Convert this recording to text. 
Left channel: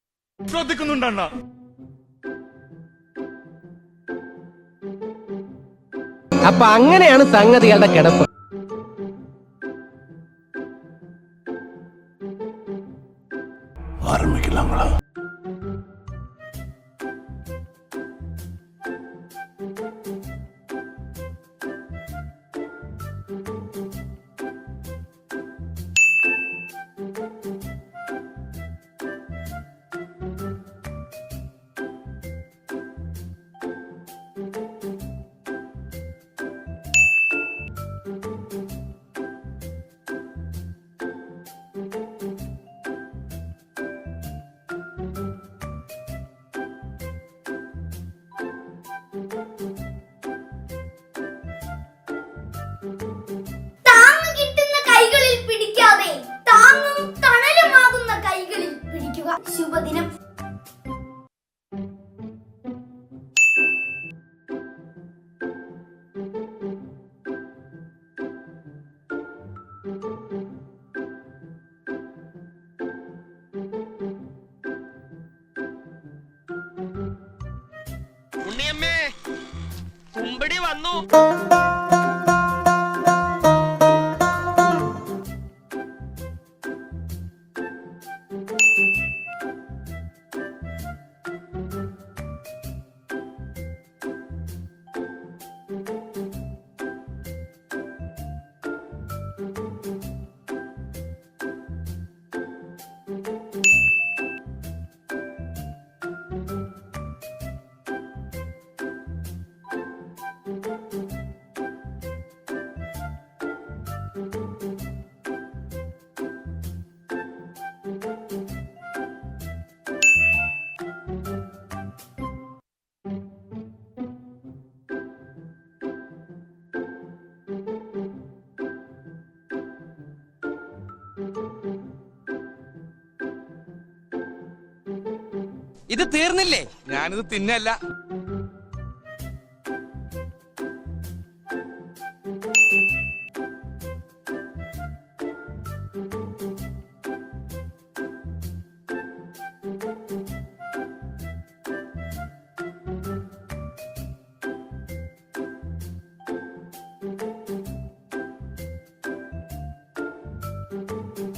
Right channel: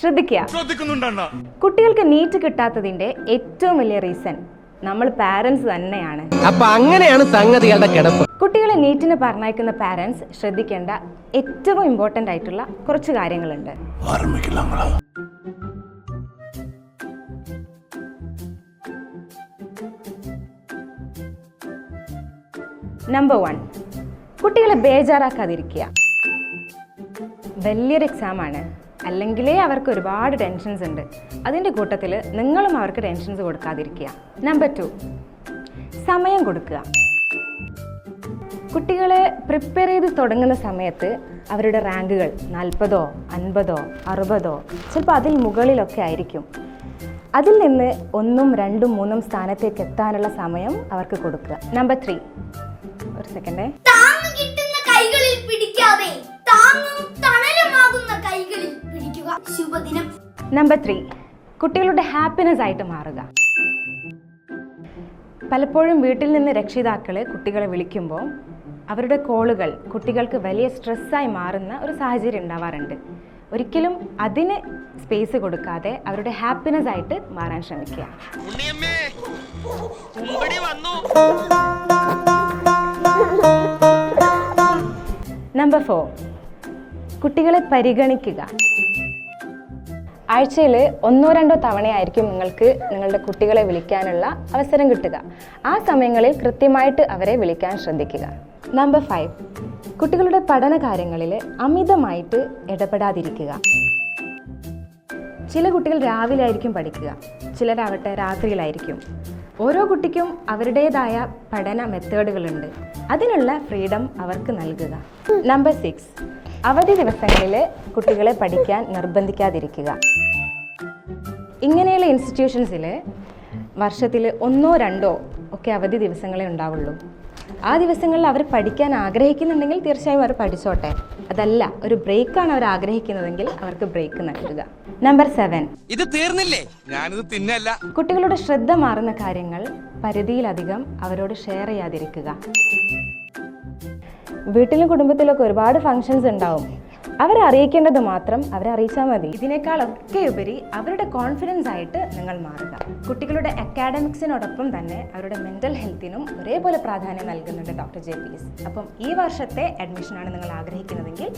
ശ്രദ്ധിക്കുക. കുട്ടികൾക്ക് നീറ്റ് കിട്ടാത്തതിന്റെ ഏറ്റവും വലിയ റീസൺ നമ്മൾ പാരന്റ്സ് തന്നെയാണ്. അപ്പൊ അങ്ങനെയാണ് സംഗതികളുടെ കിടപ്പ്. കുട്ടികളെ നീറ്റിന് പറഞ്ഞയക്കുന്ന പാരന്റ്സ് ശ്രദ്ധിക്കേണ്ട ഏറ്റവും ഇമ്പോർട്ടൻ്റ് ആയിട്ടുള്ള കുറച്ച് കാര്യങ്ങളുണ്ട്. നമ്പർ 1, കുട്ടികളെ ബേജാറാക്കാതിരിക്കുക. വലിയൊരു എക്സാമാണ്, അല്ലെങ്കിലേ അവർക്ക് ഒരുപാട് ടെൻഷൻസ് ഉണ്ട്. അതിൻ്റെ കൂട്ടത്തിൽ നിങ്ങളും അവർക്ക് ടെൻഷൻസ് കൊടുക്കാതിരിക്കുക. നമ്പർ 2, സമയം കൊടുക്കുക. കുട്ടികളെ പ്രിപ്പയർ ചെയ്ത് തുടങ്ങുന്ന സമയത്ത് അവരുടെ റാങ്കുകൾ 40, 50, 60 ചിലപ്പോൾ അതിൽ മുകളിലൊക്കെ ആയിരിക്കും. അതിൽ നിന്ന് 1, 2, 3 സ്ഥാനത്തേക്ക് എത്താനുള്ള സമയം അവർക്ക് കൊടുക്കുക. നമ്പർ 3, ഒരു സെക്കൻഡേ, കൈകളിൽ പിടിക്കാതെ താങ്ങും തണലുമാകുന്ന കൈകളിൽ പിടിക്കുക. ശുഭദിനം. നമ്പർ 3, കുട്ടികളുടെ ഹാപ്പിനെസ് ആയിട്ട് മാറുക. പലപ്പോഴും വീട്ടിൽ നിന്ന് രക്ഷിതാക്കളെ കുട്ടികളെ വിളിക്കുമ്പോൾ അവരുടെ കോളുകൾ കുട്ടികൾക്ക് വലിയ സ്ട്രെസ്സായി മാറുന്ന ഒരു സാഹചര്യം ഉണ്ടാവാറുണ്ട്. ഒരിക്കലും അതിന് സ്പേസ് കൊടുക്കാതെ അവരുടെ ഹാപ്പിനെസ് ആയിട്ട് മാറാൻ ശ്രമിക്കുക. നമ്പർ 4, കുട്ടികളെ പരിഗണിക്കുക. ആഴ്ചയിൽ 1-2 തവണയായിരിക്കും നിങ്ങൾക്ക് നിങ്ങളുടെ കുട്ടികളെ വിളിക്കാനുള്ള അവസരം കിട്ടുക. ആ സമയങ്ങളിൽ കൃത്യമായിട്ട് അവരെ വിളിക്കാൻ ശ്രദ്ധിക്കുക. നമ്പർ 5, കുട്ടികളുടെ പഠന കാര്യങ്ങളിൽ അമിതമായിട്ട് ഇടപെടാതിരിക്കുക. ചില കുട്ടികൾ രാവിലെ ആയിരിക്കും പഠിക്കുക, ചിലരാവട്ടെ രാത്രിയിലായിരിക്കും. ഓരോ കുട്ടിക്കും അവരുടേതായ പഠന മെത്തേഡുകളുണ്ട്. അതിനുള്ള ഫ്രീഡം അവർക്ക് നൽകുക. നമ്പർ 6, അവധി ദിവസങ്ങളിൽ കുട്ടികളെ പഠിക്കാൻ നിർബന്ധിക്കാതിരിക്കുക. ഇങ്ങനെയുള്ള ഇൻസ്റ്റിറ്റ്യൂഷൻസിൽ വർഷത്തിൽ 1-2 ഒക്കെ അവധി ദിവസങ്ങളെ ഉണ്ടാവുള്ളൂ. ആ ദിവസങ്ങളിൽ അവർ പഠിക്കാൻ ആഗ്രഹിക്കുന്നുണ്ടെങ്കിൽ തീർച്ചയായും അവർ പഠിച്ചോട്ടെ. അതല്ല, ഒരു ബ്രേക്കാണ് അവർ ആഗ്രഹിക്കുന്നതെങ്കിൽ അവർക്ക് ബ്രേക്ക് നൽകുക. നമ്പർ 7, ഇത് തീർന്നില്ലേ, ഞാനിത് തിന്നല്ല. കുട്ടികളുടെ ശ്രദ്ധ മാറുന്ന കാര്യങ്ങൾ പരിധിയിലധികം അവരോട് ഷെയർ ചെയ്യാതിരിക്കുക. വീട്ടിലും കുടുംബത്തിലൊക്കെ ഒരുപാട് ഫങ്ഷൻസ് ഉണ്ടാവും. അവരെ അറിയിക്കേണ്ടത് മാത്രം അവരെ അറിയിച്ചാൽ മതി. ഇതിനേക്കാളൊക്കെ ഉപരി അവരുടെ കോൺഫിഡൻസ് ആയിട്ട് നിങ്ങൾ മാറുക. കുട്ടികളുടെ അക്കാഡമിക്സിനോടൊപ്പം തന്നെ അവരുടെ മെൻ്റൽ ഹെൽത്തിനും ഒരേപോലെ പ്രാധാന്യം നൽകുന്നുണ്ട് ഡോക്ടർ JPS. അപ്പം ഈ വർഷത്തെ അഡ്മിഷനാണ് നിങ്ങൾ ആഗ്രഹിക്കുന്നതെങ്കിൽ